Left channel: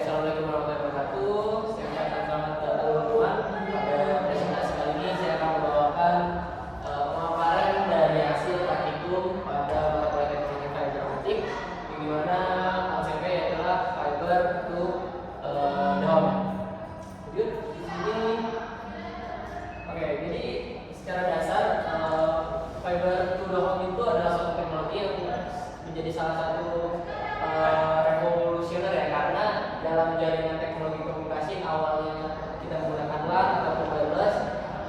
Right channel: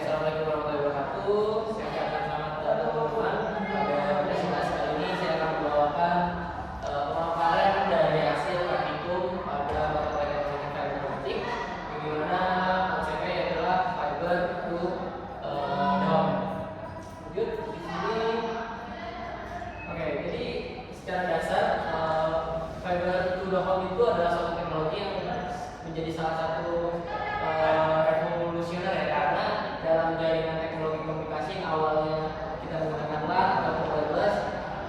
Assalamualaikum warahmatullahi wabarakatuh. Saya ucapkan selamat datang teman-teman. Pada presentasi kali ini saya akan membawakan pemaparan dari hasil praktikum pada mata kuliah teknologi fiber optik, di mana konsepnya adalah fiber to dome. Lanjut di sini. Oke, jadi secara dasar fiber to dome itu adalah suatu teknologi yang menjadi salah satu revolusioner ya, karena dalam jaringan teknologi komunikasi yang awalnya kita menggunakan LAN atau wireless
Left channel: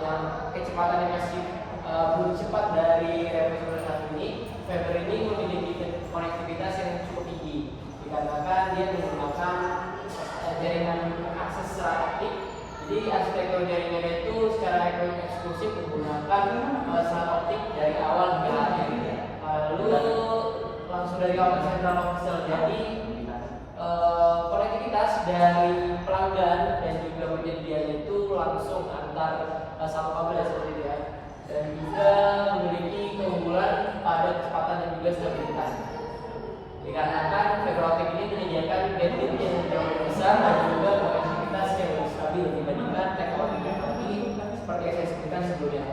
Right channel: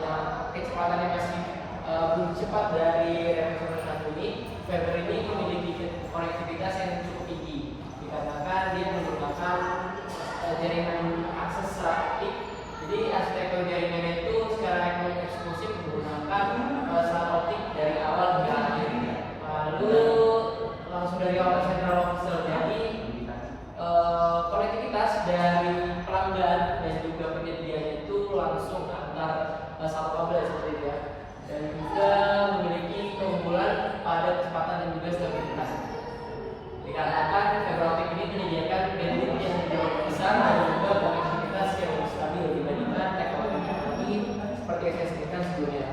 yang kecepatannya masih belum cepat dari revolusioner ini, fiber ini memiliki konektivitas yang cukup tinggi dikarenakan dia menggunakan jaringan akses serat optik. Jadi arsitektur jaringannya itu secara eksklusif menggunakan serat optik dari awal hingga akhir. Lalu langsung dari awal sentral official, jadi konektivitas dari pelanggan dan juga penyedia itu langsung antar satu kabel seperti itu ya, dan juga memiliki keunggulan pada kecepatan dan juga stabilitas. Dikarenakan fiber optik ini menyediakan bandwidth yang jauh lebih besar dan juga konektivitas yang lebih stabil dibandingkan teknologi seperti yang saya sebutkan sebelumnya.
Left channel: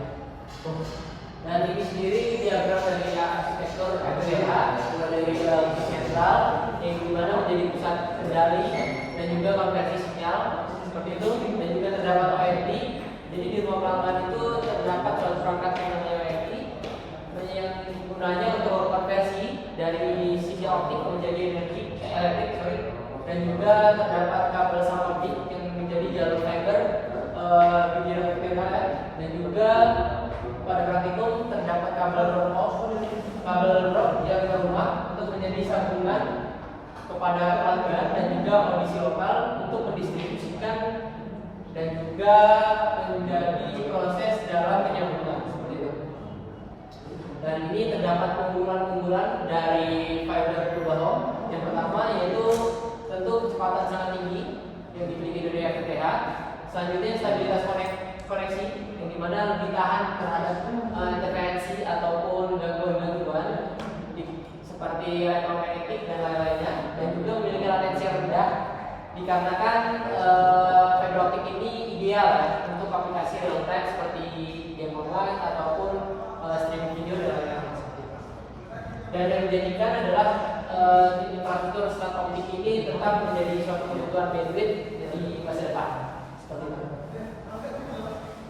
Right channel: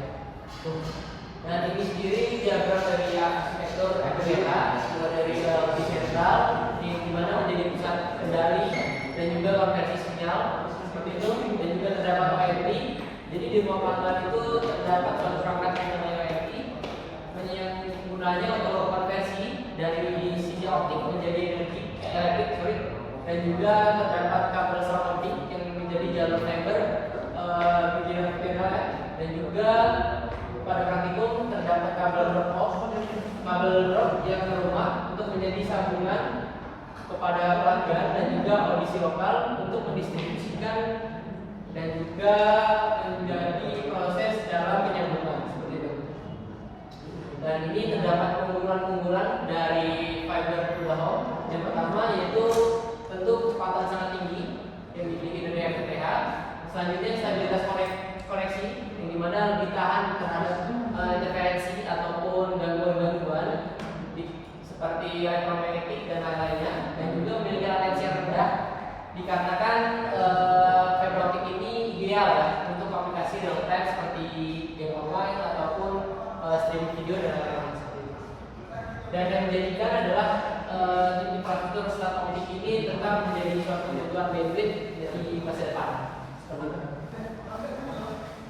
Dan ini sendiri diagram dari arsitektur FPGA dari lebih sentral yang dimana menjadi pusat kendali dan juga konversi sinyal seperti itu, dan juga terdapat ONT. Jadi di ruang pelanggan itu terdapat suatu perangkat yang namanya ONT yang gunanya untuk konversi dari sinyal optik menjadi energi elektrik, dan juga terdapat kabel serat optik yang menjadi jalur fiber dan juga pada praktikum terdapat kabel drop yang ke rumah untuk menjadi sambungan kepada pelanggan dan juga audisi lokal untuk mendistribusikan dan juga menjadi proses dalam penyambungan seperti itu. Dan ini terdapat keunggulan-keunggulan dari fiber to the home. Yang pertama yaitu tentu kecepatan sangat tinggi yang dimiliki dari FTTH. Selanjutnya stabilitas koneksi yang dimana lebih tahan terhadap interferensi ataupun gangguan-gangguan seperti elektromagnetik dan lain-lainnya, dan juga memiliki latensi yang rendah dikarenakan fiber optik ini ideal ya untuk aplikasi real time seperti game online ataupun streaming video dan lain-lain seperti itu. Dan yang menjadikan adalah infrastruktur serat optik ini tetap menjadi suatu kebutuhan bandwidth di masa depan seperti itu.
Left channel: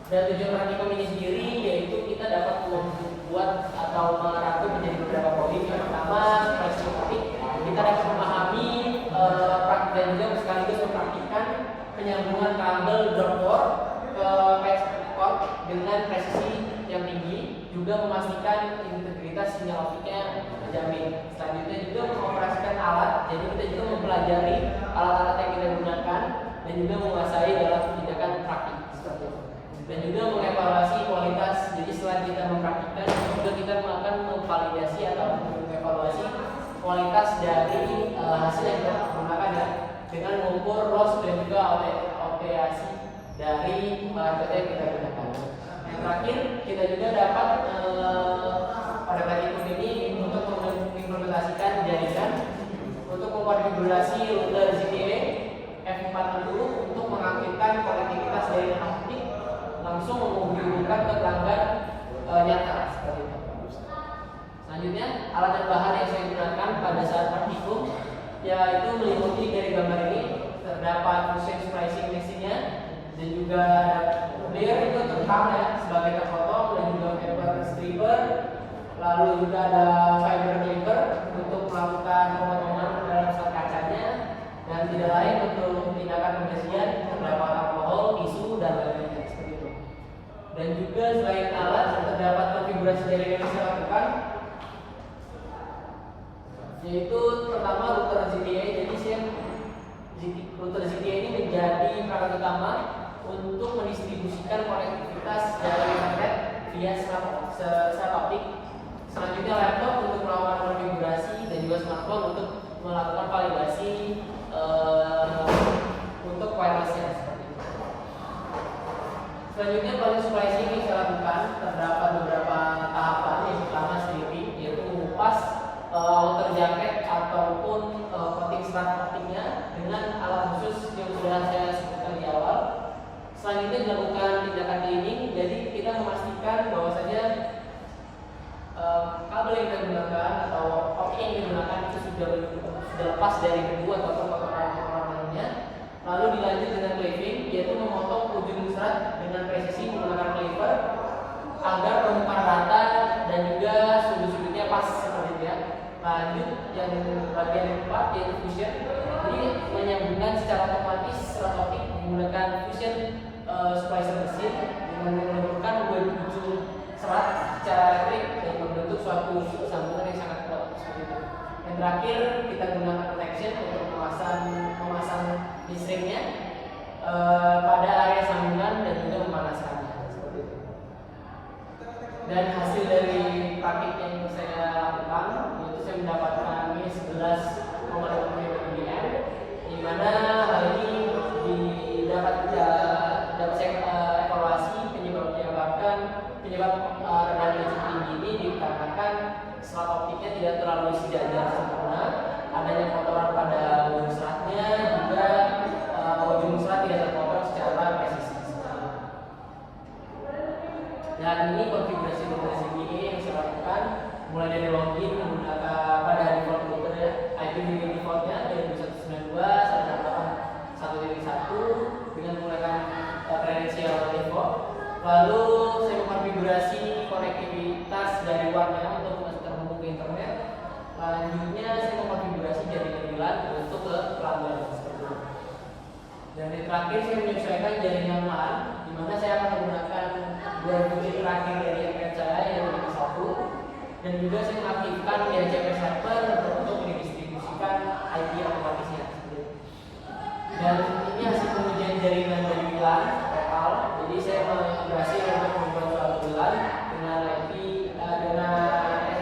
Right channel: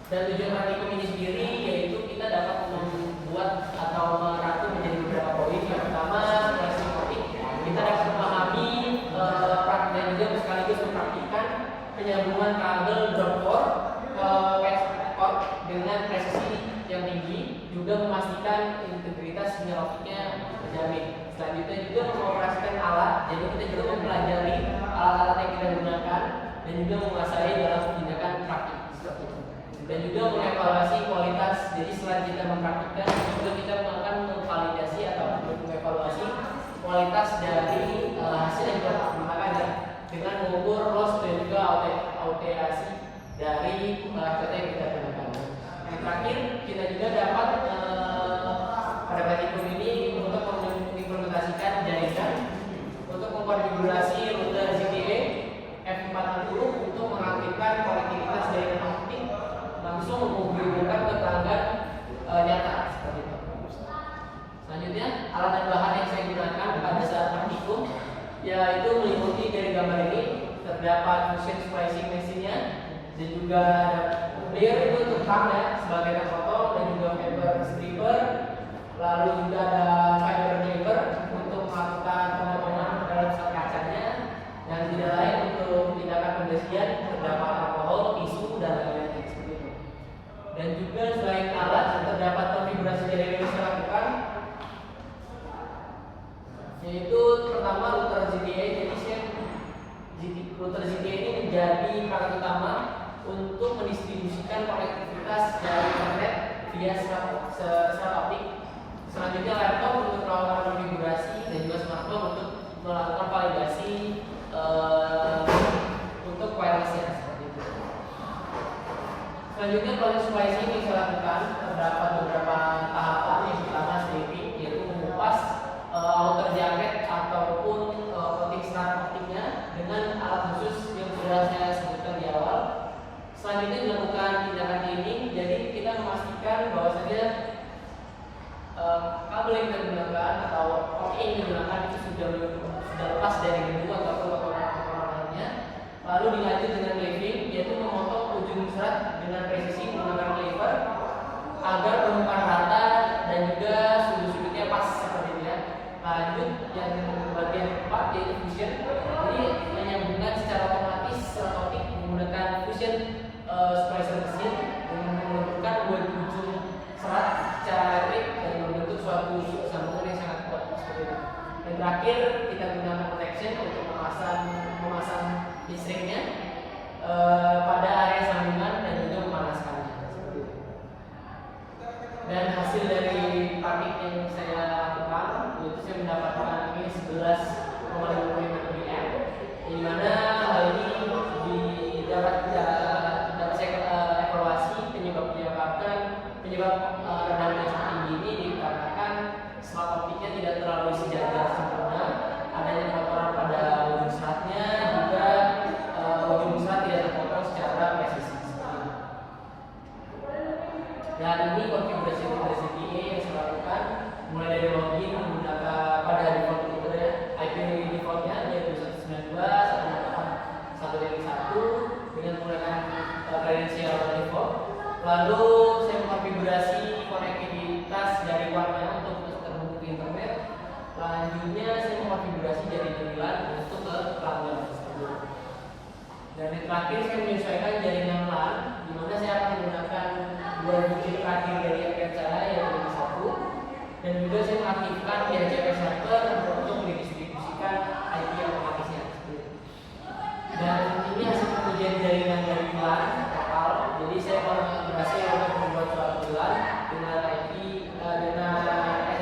Dan tujuan praktikum ini sendiri yaitu kita dapat membuat atau merangkum menjadi beberapa poin. Yang pertama, setelah sistematik, kita dapat memahami dan juga sekaligus mempraktikkan penyambungan kabel drop core ke patch core dengan presisi yang tinggi, juga memastikan integritas sinyal optiknya terjamin. Selanjutnya juga mengoperasikan alat, jadi kita juga mempelajari alat-alat yang kita gunakan dan juga menguasai dalam tindakan praktik seperti itu. Dan juga mengevaluasi kualitas. Jadi selain kita mempraktikkan, juga kita akan memvalidasi atau mengevaluasi kualitas dari hasil yang kita gunakan ya, dengan mengukur loss dan juga authentikasi dari parameter yang kita gunakan. Yang terakhir, kita juga dapat pada praktikum ini untuk mengimplementasikan jaringan untuk mengkonfigurasi rute ZTE F460 untuk mengaktifkan konektivitas jaringan optik langsung menghubungkan ke pelanggan nyata seperti itu. Selanjutnya, alat dan bahan yang saya gunakan pada saat praktikum yaitu meliputi dari gambar ini terdapat motion splicing mesinnya, dan juga ada clear itu untuk tam ya sebagai terfoto, dan juga paper stripper, lalu juga ada fiber clipper untuk melakukan pemotongan pada kacanya, dan tidak lain untuk tindakan pembersihan terdapat alkohol, tisu dan lain-lainnya seperti itu. Dan juga selain alat terdapat konfigurasi jaringan yang saya lakukan, yaitu pertama router ZTE. Jadi router ZTE ini menjadi perangkat utama untuk mendistribusikan konektivitas dari internet via serat optik. Selanjutnya laptop untuk melakukan konfigurasi, dan juga smartphone untuk melakukan validasi untuk wirelessnya seperti itu. Selanjutnya proses splicing yang saya lakukan terdapat beberapa tahapan. Yang pertama stripping, yaitu mengupas outer jacket ataupun coating serat optiknya dengan alat khusus yang sudah saya sebutkan di awal. Selanjutnya dilakukan tindakan cleaning, jadi kita memastikan bahwasanya kabel yang kita gunakan atau optik yang digunakan itu sudah lepas dari debu ataupun kotoran-kotorannya. Lalu dilanjut dengan cleaving, yaitu memotong ujung serat dengan presisi menggunakan cleaver agar permukaan rata dan juga sudut-sudutnya pas seperti itu ya. Lanjut yang bagian keempat yaitu fusion. Jadi menyambungkan secara otomatis serat optik menggunakan fusion splicer mesin dengan mengumpulkan dua ujung serat secara elektrik dan membentuk suatu sambungan yang sangat kuat seperti itu. Dan terakhir kita gunakan protection untuk memasang bisringnya pada area sambungan dan juga memanaskannya seperti itu. Dan hasil dari praktik yang saya lakukan itu saya mendapatkan minus 11,55 dBm, di mana hal ini dapat saya evaluasi penyebab rendah energi tinggi ini dikarenakan serat optiknya tidak terlalu sejajar sempurna, adanya kotoran pada ujung seratnya, juga ujung serat tidak terpotong secara presisi. Dan ini konfigurasi PA yang saya lakukan mulai dari login menggunakan pada default router IP defaultnya yaitu 192.168.1.1 dengan menggunakan kredensial default. Lalu saya mengkonfigurasi konektivitas dari WAN-nya untuk terhubung ke internet. Selanjutnya saya mengkonfigurasi jaringan WLAN untuk ke pelanggan seperti itu. Dan yang terakhir saya menyesuaikan jaringan LAN, di mana saya akan menggunakan dua bukit terakhir dari rekan saya yaitu yang satu, dan juga saya mengaktifkan DHCP server untuk mendistribusikan IP otomatisnya. Dan ini hasil pengujian jaringan dari WLAN total. Jadi saya berhasil untuk membuat suatu WLAN dengan IP dengan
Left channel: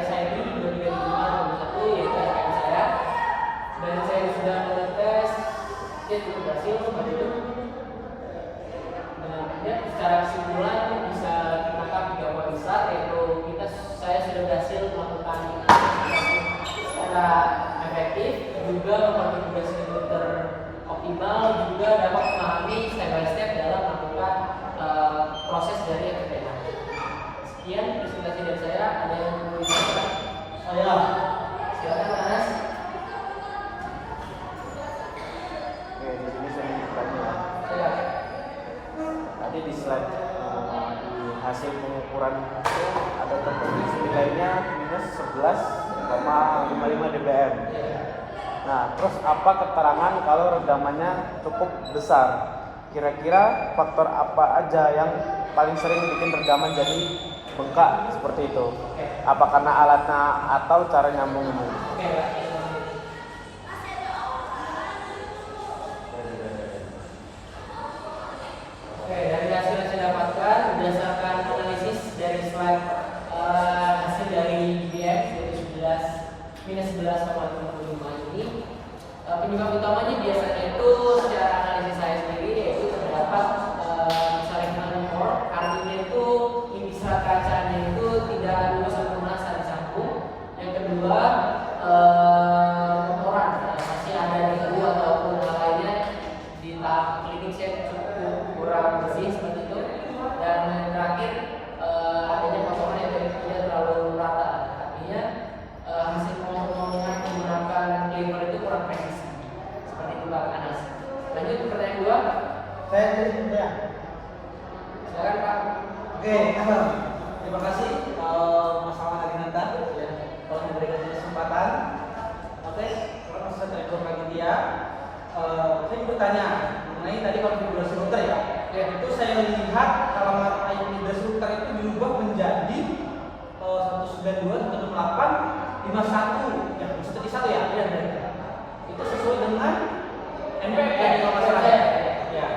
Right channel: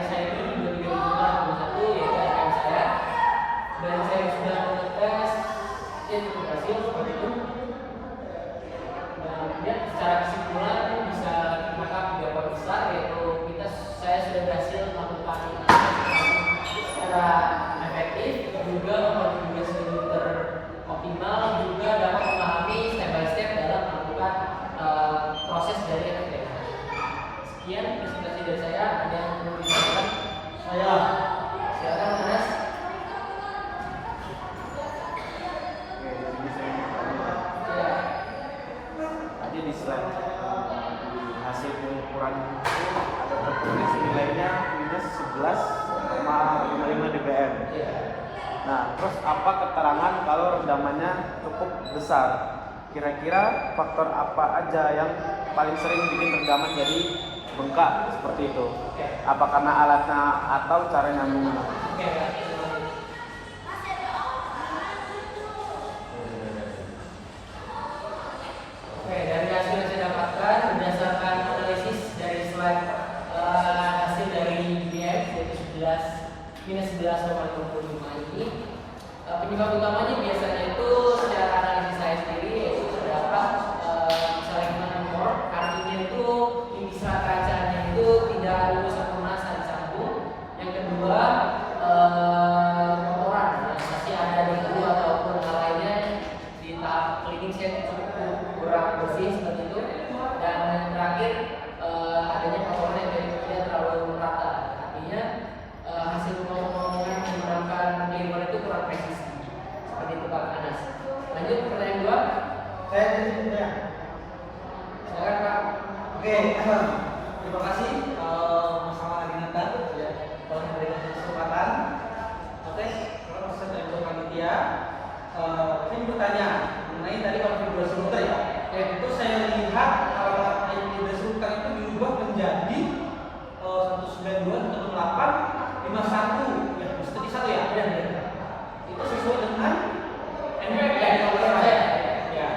SSID 23561 yaitu rekan saya. Dan saya sudah mengetes ya cukup berhasil seperti itu. Dan kemudian secara kesimpulan bisa menggunakan 3 poin besar, yaitu saya sudah berhasil melakukan secara efektif, juga mengkonfigurasi router optimal, juga dapat memahami step by step dalam melakukan proses dari FTTH. Sekian presentasi dari saya. Ada yang mau ditanyakan? Saya silakan Anas. Tadi di slide hasil pengukuran ada komposisi nilainya minus 11,55 dBm. Nah, terus apa keterangan kalau rendamannya cukup besar? Kira-kira faktor apa aja yang paling sering bikin rendaman jadi bengkak seperti itu? Apa karena alatnya atau cara nyambungnya? Dari hasil yang saya dapatkan berdasarkan analisis dari slide hasil dari DBM yaitu minus 11,25 ini, penyebab utamanya biasanya itu secara analisis saya sendiri yaitu terdapat misalnya import karena itu inti serat kacanya itu tidak lulus sempurna saat dicampur. Yang kedua kotoran masih ada debu ataupun hal lainnya di tahap cleaning saya cukup kurang bersih seperti itu. Dan yang terakhir adanya kotoran yang tidak terlalu rata, artinya hasil pemotongan menggunakan cleaver itu kurang presisi seperti itu Pak Anas. Lanjut pertanyaan 2. Saya punya. Silakan Pak. Oke, terima kasih Mas Arinata Ya. telah memberikan kesempatan. Oke, kalau saya dari media, saya mau bertanya mengenai tadi konfigurasi router ya. Ya, itu saya lihat alamat konfigurasi router itu diubah menjadi 192.168.51 ya, seperti satu ya. Itu sesuai dengan NPM ya.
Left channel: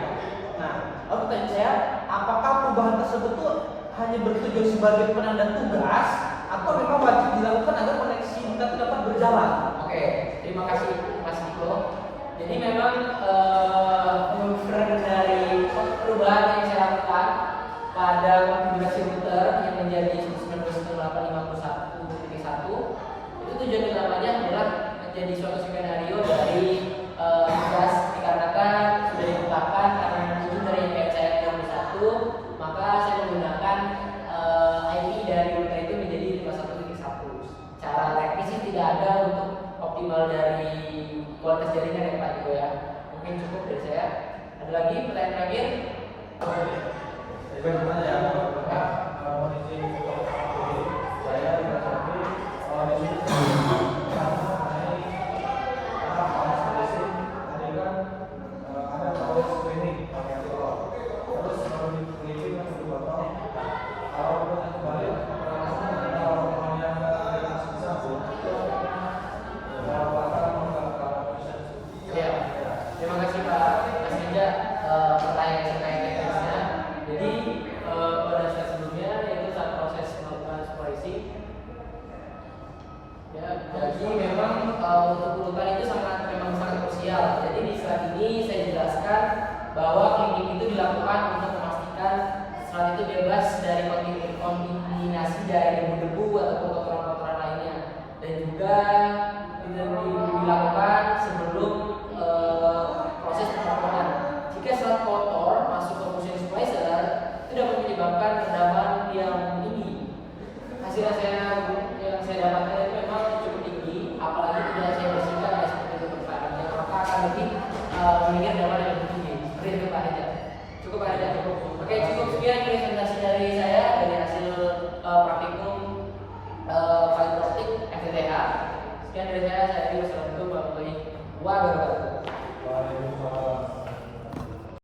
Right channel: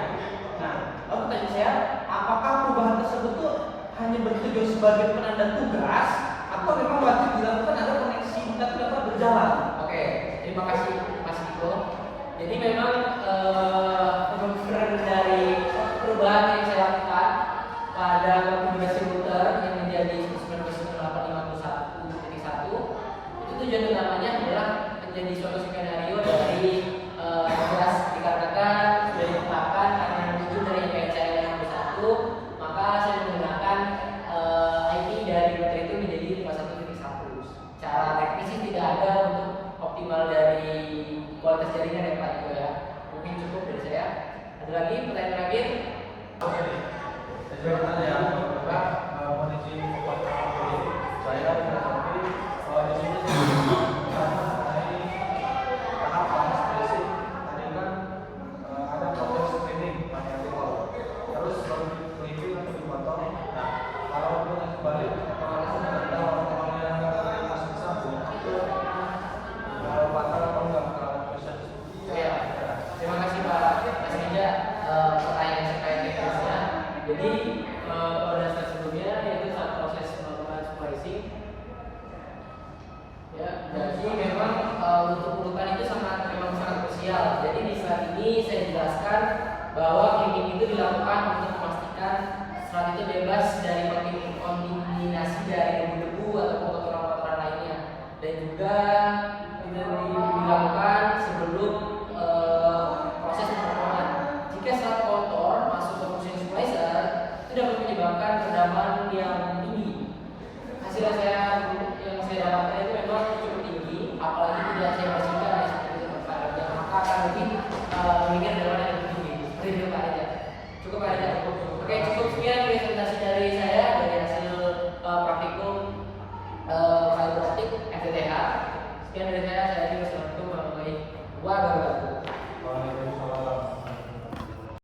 Nah, lalu pertanyaan saya, apakah perubahan tersebut tuh hanya bertujuan sebagai penanda tugas atau memang wajib dilakukan agar koneksi internet tetap berjalan? Oke, terima kasih Mas Diko. Jadi memang penurunan dari perubahan yang saya lakukan pada konfigurasi router yang menjadi 192.168.51 itu tujuan utamanya adalah menjadi suatu skenario dari tugas dikarenakan sudah ditetapkan karena itu dari NPCL 61, maka saya menggunakan IP dari router itu menjadi 51.1. Cara teknis sih tidak ada untuk optimal dari kualitas jaringan ya Pak gitu ya. Mungkin cukup dari saya. Ada lagi pertanyaan terakhir? Ya, terima kasih Pak. Kasih aja pertanyaan terkait teknisnya. Jadi pada saat sebelumnya yaitu saat proses melakukan splicing, ya, jadi memang untuk urutan itu memang sangat krusial. Jadi di slide ini saya jelaskan bahwa cleaning itu dilakukan untuk memastikan serat itu bebas dari kontaminasi dari debu-debu atau kotoran-kotoran lainnya, dan juga dilakukan sebelum proses pemotongan. Jika serat kotor masuk ke mesin splicer, itu dapat menyebabkan rendaman yang tinggi. Hasil yang saya dapatkan itu memang cukup tinggi, apalagi tidak saya bersihkan ya seperti itu Pak Reza, maka akan lebih meningkat rendaman yang lebih tinggi. Seperti itu Pak Reza. Cukup Pak Reza. Oke, cukup sekian presentasi dari saya dari hasil praktikum fiber optik FTTH. Sekian dari saya Wassalamualaikum warahmatullahi wabarakatuh. Waalaikumsalam.